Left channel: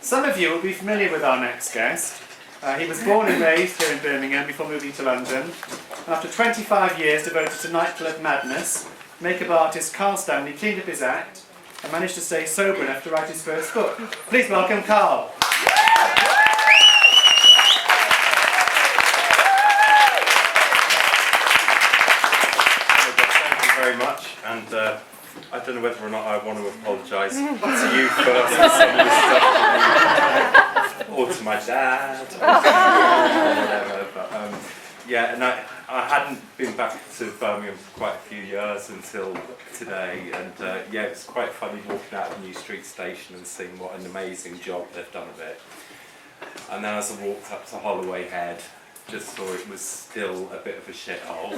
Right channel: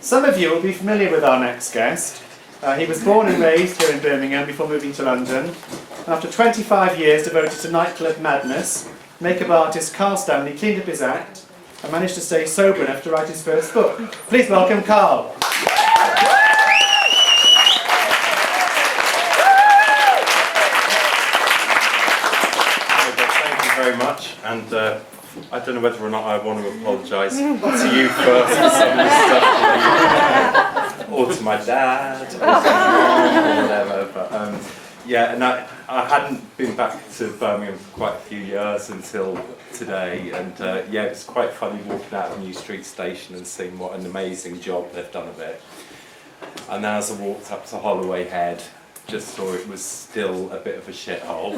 Some of you will be familiar with our next guest. He was born and raised here in Birmingham before moving to London. After 25 years devoted to nightclub madness, makeup artist Carl Stanley cleaned up his act and managed to stay sober enough to write his first book. Please welcome Carl. Thank you very much, and I don't know whether or not I want to apologise to you first for some of the stuff, or to my dad, or to my mum, or whatever, but yeah, and I hadn't been back to Birmingham for quite a few years until today, and yeah, it's quite funny walking out of New Street Station and seeing what an amazing job they've done of it. And then as I walked up to Holloway Head, just saw it was still a bit of a shithole,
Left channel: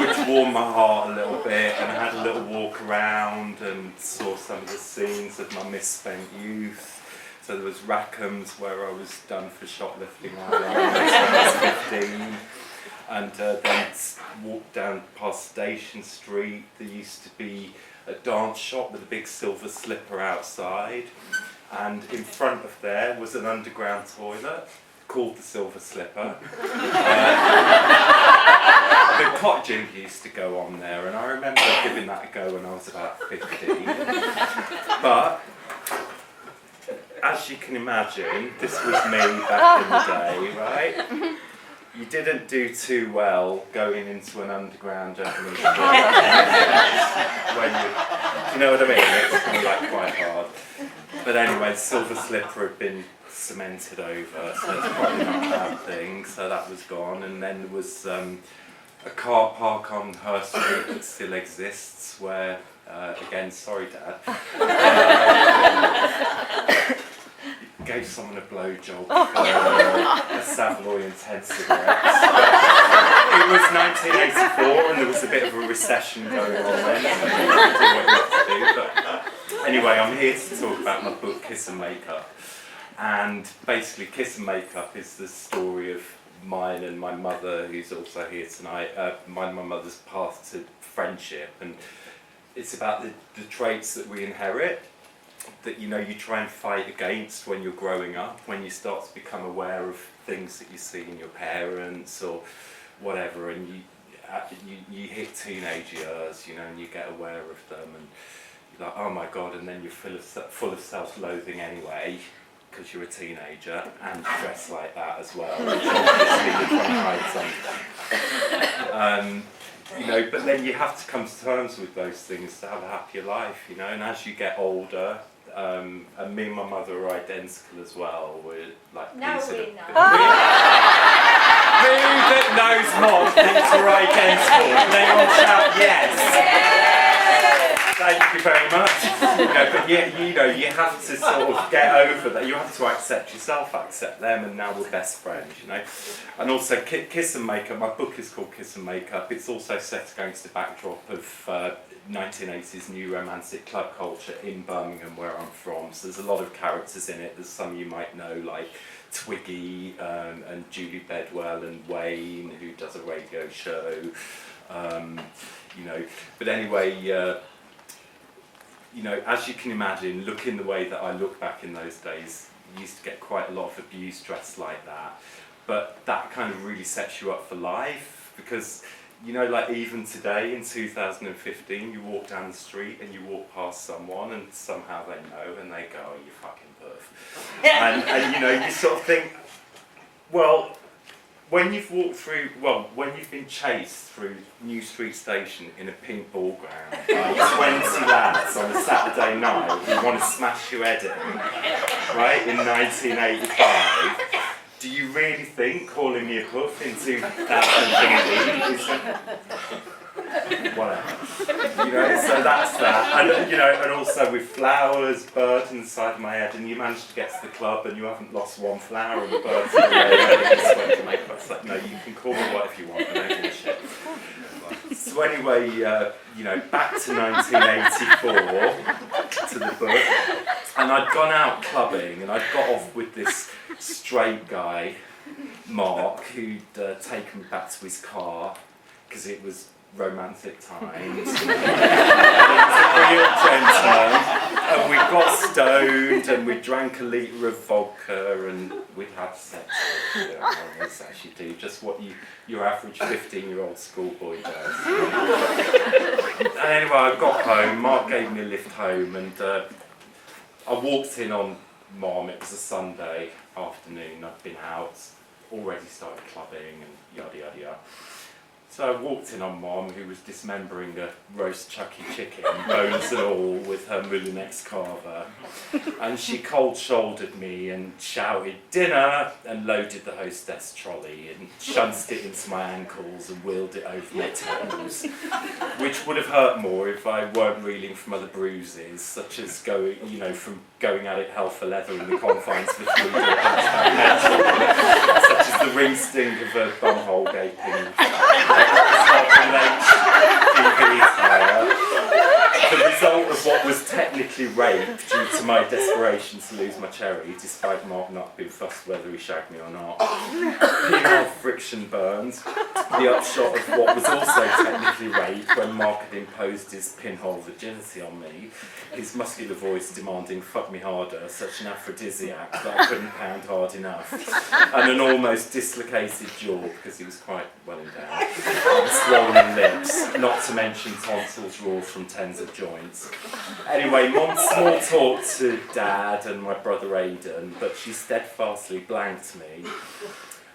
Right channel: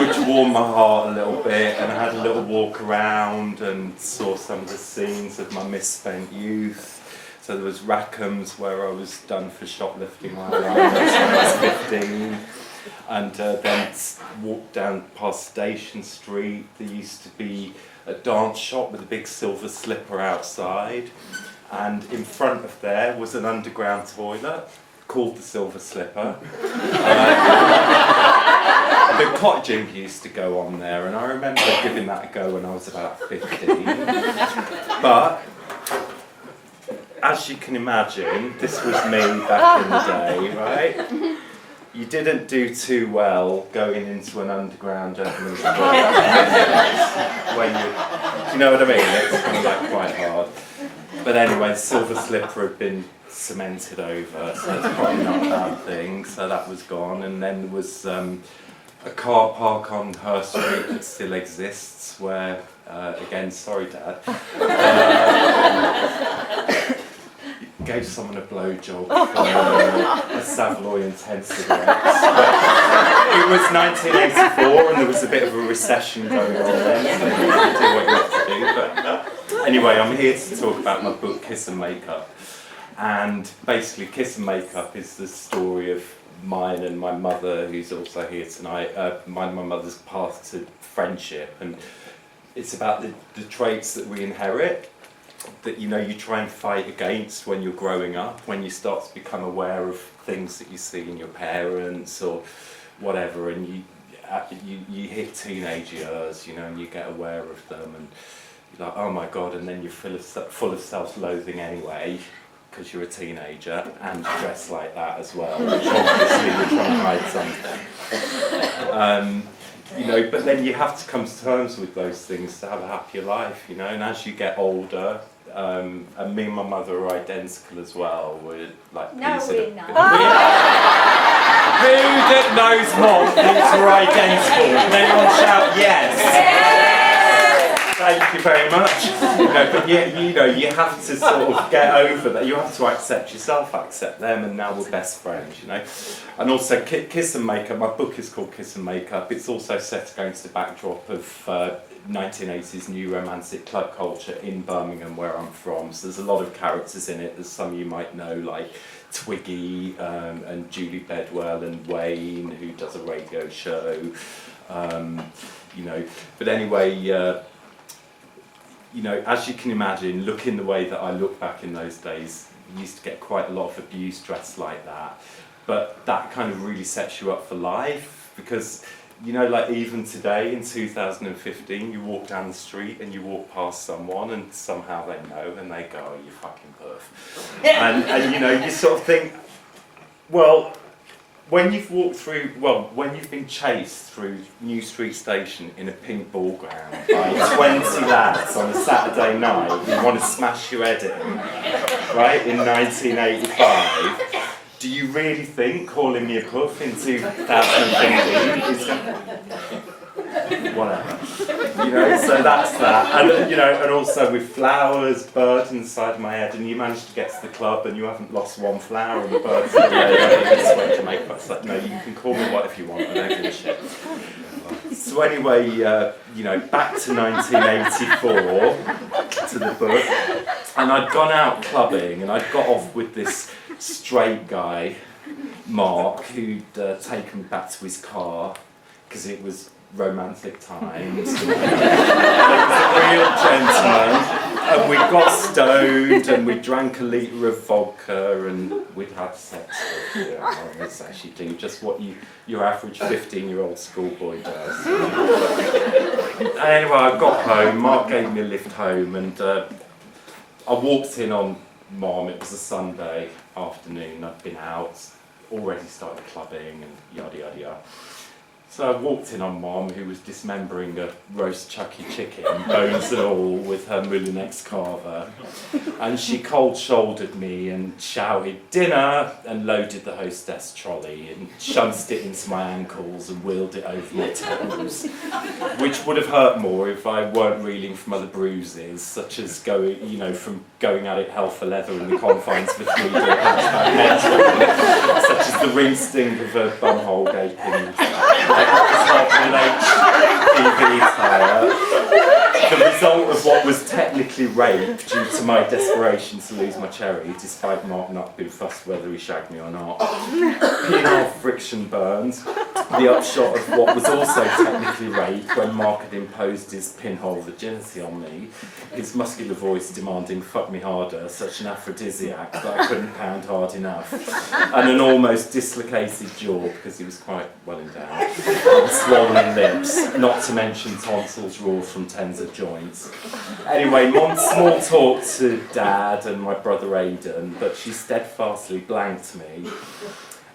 which warmed my heart a little bit, and I had a little walk around and saw some of the scenes of my misspent youth. So there was Rackham's, where I was done for shoplifting when I was 15, and then walked down past Station Street. There used to be a dance shop with a big silver slipper outside, and in front of there was an underground toilet called the Silver Slipper. The cottaging used to go on there, and I remember giving that a go when I was about 15. But as you can imagine, this was me back in the day, right? You didn't do too well going into an underground gentleman's club when you, do you know what I mean? It's kind of like quite hard. But anyway, Silver Slipper had been cemented over, so it's probably not a bad thing, so that was gone. And then there was a car park on Her Street that still exists, where, again, sorry Dad, gave someone a blowjob for a Savoy and 10 cigarettes. But it was 1984 and there was a bit of a recession going on then, so you have to do what you have to do. But anyway, I'm here to talk about my book, Kiss and Makeup. And basically, Kiss and Makeup is the story of mine and my mother, who's also here tonight, mine and my mother's path to friendship. And it's about the traits that we inherit, that you try and fight against when you're growing up, when you start to become aware of things that you see in your parents or whatever, and you hit teenage years, and you get aware of them, and you're like, oh my god, and then you're full of self-loathing anyway, because you're a teenager and you dress like that as well, which obviously you're trying to hide something. But then you have to come to terms with those things to have a happier life, and as you get older, and me and my mother are identical as well. We're like, no, we're not. Who that knows Mom thinks we're identical? Can anyone shout yes? Thank you very much. But you have to sort of get over that. You have to accept yourself, accept them, and now we're best friends, And also, Kiss and Makeup, my book is called Kiss and Makeup. It's also set against the backdrop of 1980s new romantic club culture in Birmingham, where I'm from. So there's a lot of characters in it. There's some you might know, like Twiggy and Julie Bedwell and Wayne, who does a radio show. But anyway, as you can imagine, looking the way that I look back in those days, you used to get quite a lot of abuse dressed like that. But that kind of really sets you up for life, because, like even today in 2015, you walk down the street and you walk past someone and somehow they know and they go, oh, you fucking perf. And you sort of think, well, when you've been chased through New Street Station in a pink ball ground by 20 lads on a Saturday night who want to smash your head in, right, in 1985, do you really think calling me a puff in 2015 is whatever? So that's that. And and also with flowers, birds inside my head, and you manage to get to the club and you haven't lost one flower and the birds in the way. I just went to make that. Like, no, you can call me whatever you want. I don't give a shit. So anyway, back to 1984, to the book, and I'd gone out clubbing and I'd got off with this straight guy, Mark, who'd taken me back to his car because it was romantic times. He was a real gentleman. And we got stoned and we drank a litre of vodka and we'd had sex with it's actually do just what your average 15-year-old schoolboy does. Anyway, I got home, Mark gave me a lift home and I walked in on Mom. It was a Sunday afternoon, I'd been out, already started clubbing and yada yada yada. So I walked in on Mom, who was dismembering a roast chucky chicken, bones and all, with her Moulinex carver. And she cold-shouldered me and shouted, "Dinner!" and loaded the hostess trolley and shunced it into my ankles and wheeled it over my toes, which would have hurt more if I weren't reeling from other bruises, such as from going at it hell for leather in the confines of a three-door hatchback metro, such as the ring sting of a bumhole gaping. TV tire. The result of what was technically rape due to my desperation to lose my cherry, despite Mark not being fussed whether he shagged me or not. Penile friction burns. The upshot of what was also technically rape when Mark had imposed his pinhole virginity on me, his muscular voice demanding "fuck me harder," such an aphrodisiac that I couldn't pound hard enough, and an almost dislocated jaw because he was quite well endowed, and swollen lips, not to mention tonsils raw from tens of joints. Anyway, Mom small talked to Dad and my brother Aidan, but she steadfastly blanked me.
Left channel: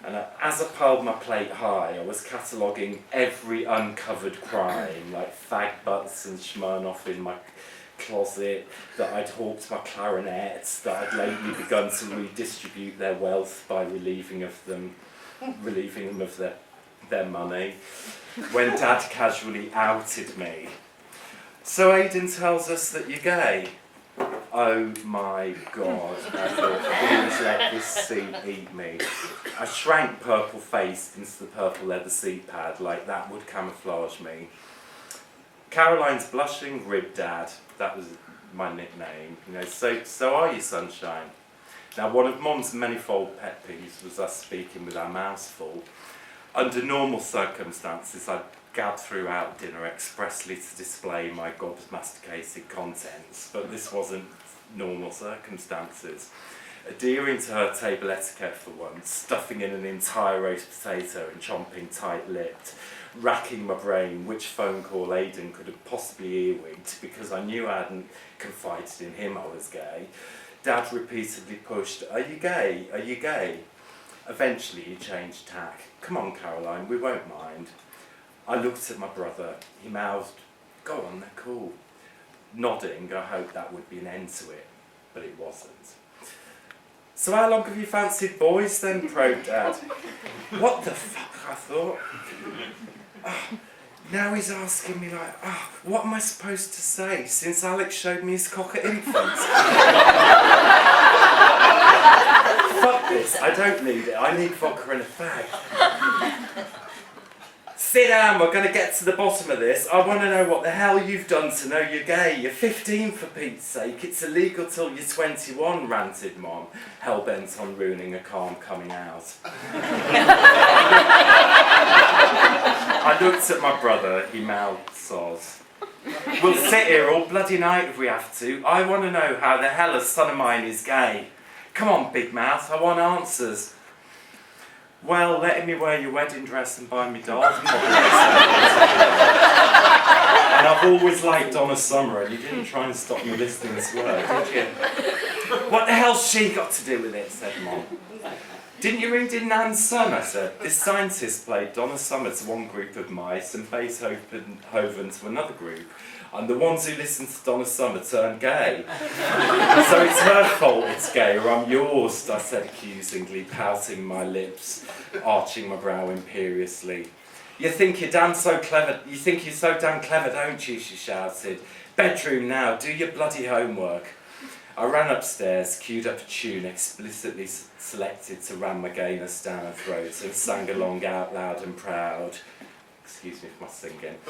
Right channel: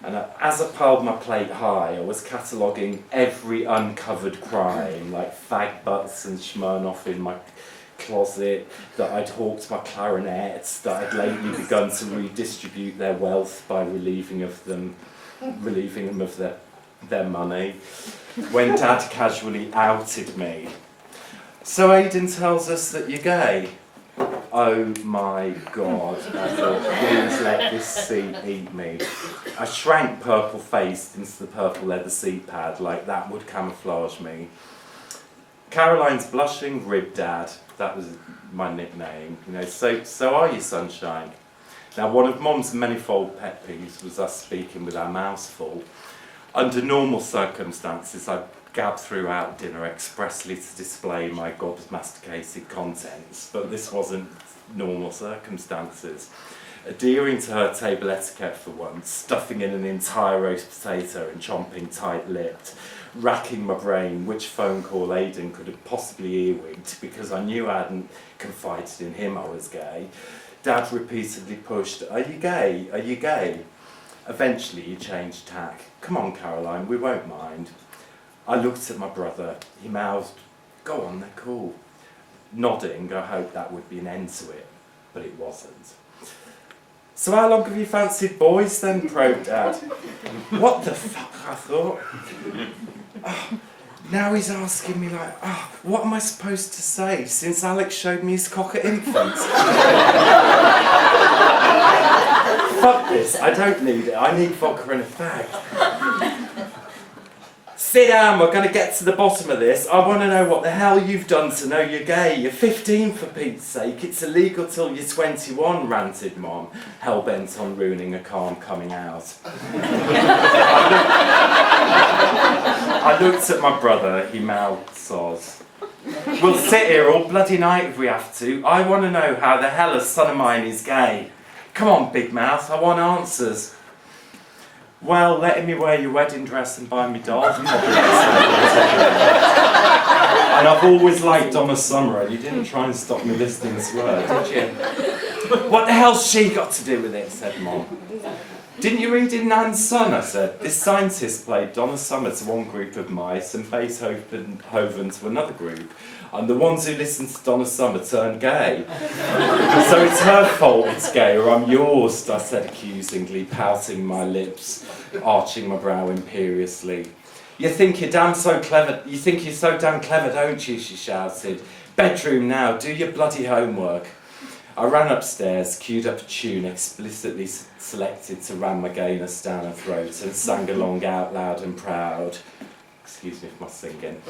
And as I piled my plate high, I was cataloguing every uncovered crime, like fag butts and Smirnoff in my closet, that I'd hawked my clarinets, that I'd lately begun to redistribute their wealth by relieving them of their money, when Dad casually outed me. "So Aidan tells us that you're gay." Oh my God, I thought, please let this seat eat me. I shrank purple-faced into the purple leather seat pad like that would camouflage me. Caroline's blushing rib Dad, that was my nickname, so are you, sunshine? Now, one of Mom's manifold pet peeves was us speaking with our mouths full. Under normal circumstances, I'd gab throughout dinner expressly to display my gobmasticated contents, but this wasn't normal circumstances. Adhering to her table etiquette for once, stuffing in an entire roast potato and chomping tight-lipped, racking my brain which phone call Aidan could have possibly earwigged because I knew I hadn't confided in him I was gay. Dad repeatedly pushed, "Are you gay? Are you gay?" Eventually he changed tack. "Come on, Caroline, we won't mind." I looked at my brother. He mouthed, "Go on, they're cool." Nodding, I hoped that would be an end to it, but it wasn't. "So how long have you fancied boys then?" probed Dad. "What the fuck?" I thought. Now he's asking me what am I supposed to say since Alex showed me his cock at infants? Fuck this, I don't need it. I need vodka and a fag. "Sit down, we're going to get to the bottom of this. I want to know what the hell you've done to know you're gay. You're 15 for Pete's sake. It's illegal till you're 21, ranted Mom, hell-bent on ruining a calm coming out. I looked at my brother, he mouthed soz. "We'll sit here all bloody night if we have to. I want to know how the hell a son of mine is gay. Come on, big mouth, I want answers." "Well, letting me wear your wedding dress and buy me dolls probably." And I've always liked Donna Summer, and you didn't try and stop me listening to her, did you? "What the hell's she got to do with it?" said Mom. "Didn't you read in Nan's Son?" I said. "This scientist played Donna Summer to one group of mice and Beethoven to another group, and the ones who listened to Donna Summer turned gay. So it's her fault it's gay, or I'm yours," I said accusingly, pouting my lips, arching my brow imperiously. You think you're so damn clever, don't you?" she shouted. "Bedroom now, do your bloody homework." I ran upstairs, queued up a tune explicitly selected to ram my gayness down her throat, and sang along out loud and proud. Excuse me for my singing.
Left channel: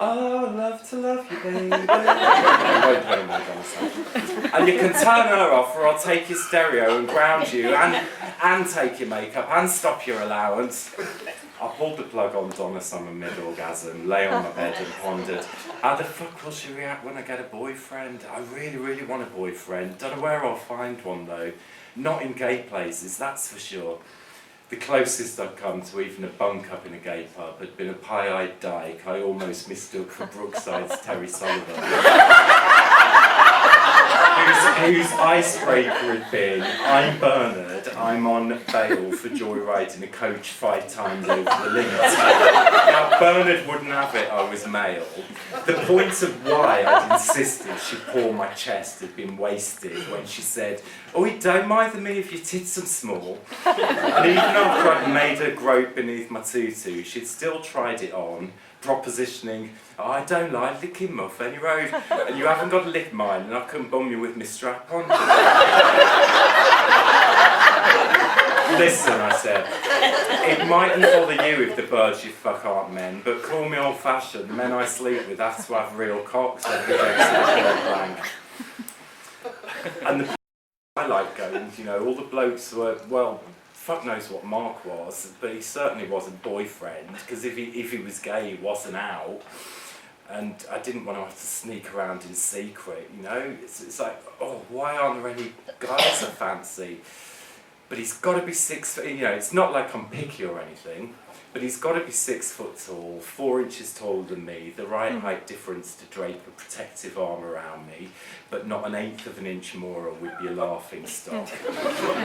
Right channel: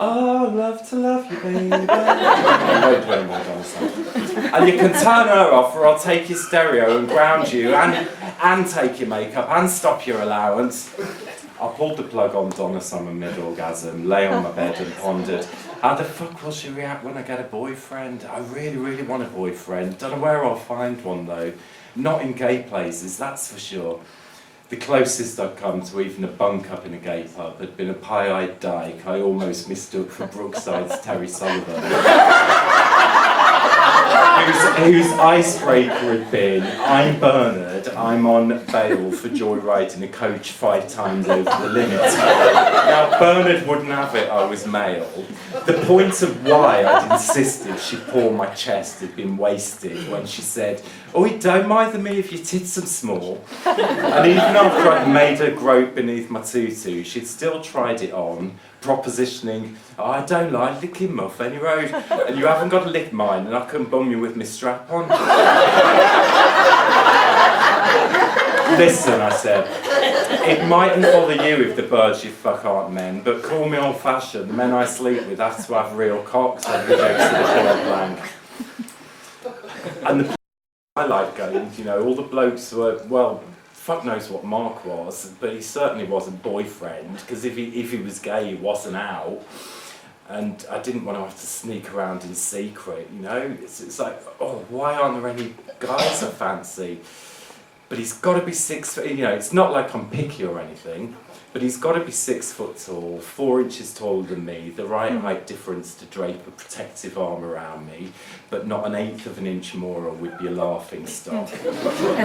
"Oh, love to love you, baby." I won't do any more Donna Summer. "And you can turn her off, or I'll take your stereo and ground you, and take your makeup, and stop your allowance." I pulled the plug on Donna Summer mid-orgasm, lay on my bed and pondered, how the fuck will she react when I get a boyfriend? I really, really want a boyfriend. Don't know where I'll find one though. Not in gay places, that's for sure. The closest I'd come to even a bunk up in a gay pub had been a pie-eyed dyke I almost mistook for Brookside's Terry Sullivan. whose icebreaker had been, I'm Bernard, I'm on bail for joyriding a coach 5 times over the limit. Now, Bernard wouldn't have it I was male. The point of why I'd insisted she pour my chest had been wasted when she said, "Oh, don't mind me if your tits are small." And even after I'd made her grope beneath my tutu, she'd still tried it on, propositioning, "Oh, I don't like licking muff any road, and you haven't got to lick mine, and I can bum you with my strap on." "Listen," I said, "it mightn't bother you if the birds you fuck aren't men, but call me old-fashioned. The men I sleep with have to have real cocks," I rejected the point blank. And the I like going, you know, all the blokes were, well, fuck knows what Mark was, but he certainly wasn't boyfriend, because if he was gay, he wasn't out. And I didn't want to have to sneak around in secret, you know? It's like, oh, why aren't there any guys I fancy? But he's got to be 6 foot, you know, it's not like I'm picky or anything, but he's got to be 6 foot tall, 4 inches taller than me, the right height difference to drape a protective arm around me, but not 1/8 of an inch more or we'd be a laughing stock.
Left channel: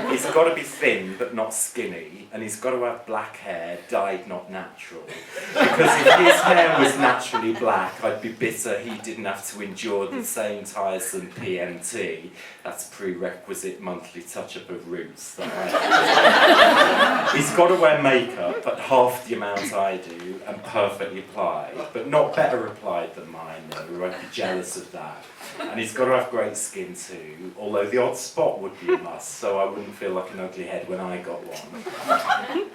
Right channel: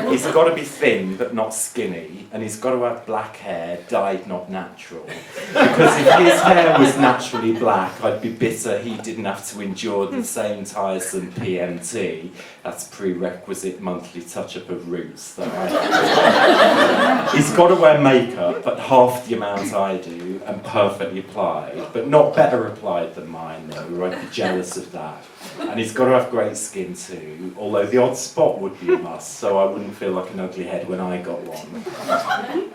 He's got to be thin but not skinny, and he's got to have black hair, dyed not natural. Because if his hair was naturally black, I'd be bitter he didn't have to endure the same tiresome PMT, that's prerequisite monthly touch-up of roots, that I have. He's got to wear makeup, but half the amount I do, and perfectly applied, but not better applied than mine though, I'd be jealous of that. And he's got to have great skin too, although the odd spot would be a must, so I wouldn't feel like an ugly head when I got one.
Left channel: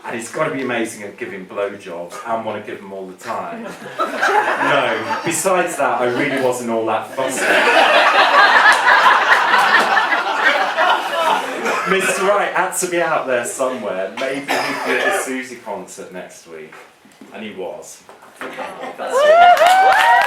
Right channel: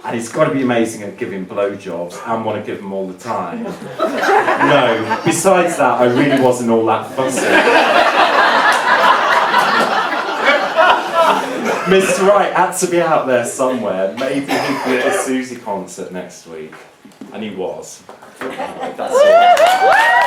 And he's got to be amazing at giving blowjobs and want to give them all the time. No, besides that, I really wasn't all that fussy. Mr. Wright had to be out there somewhere. Maybe he'd be at the Susie concert next week. And he was. That's all.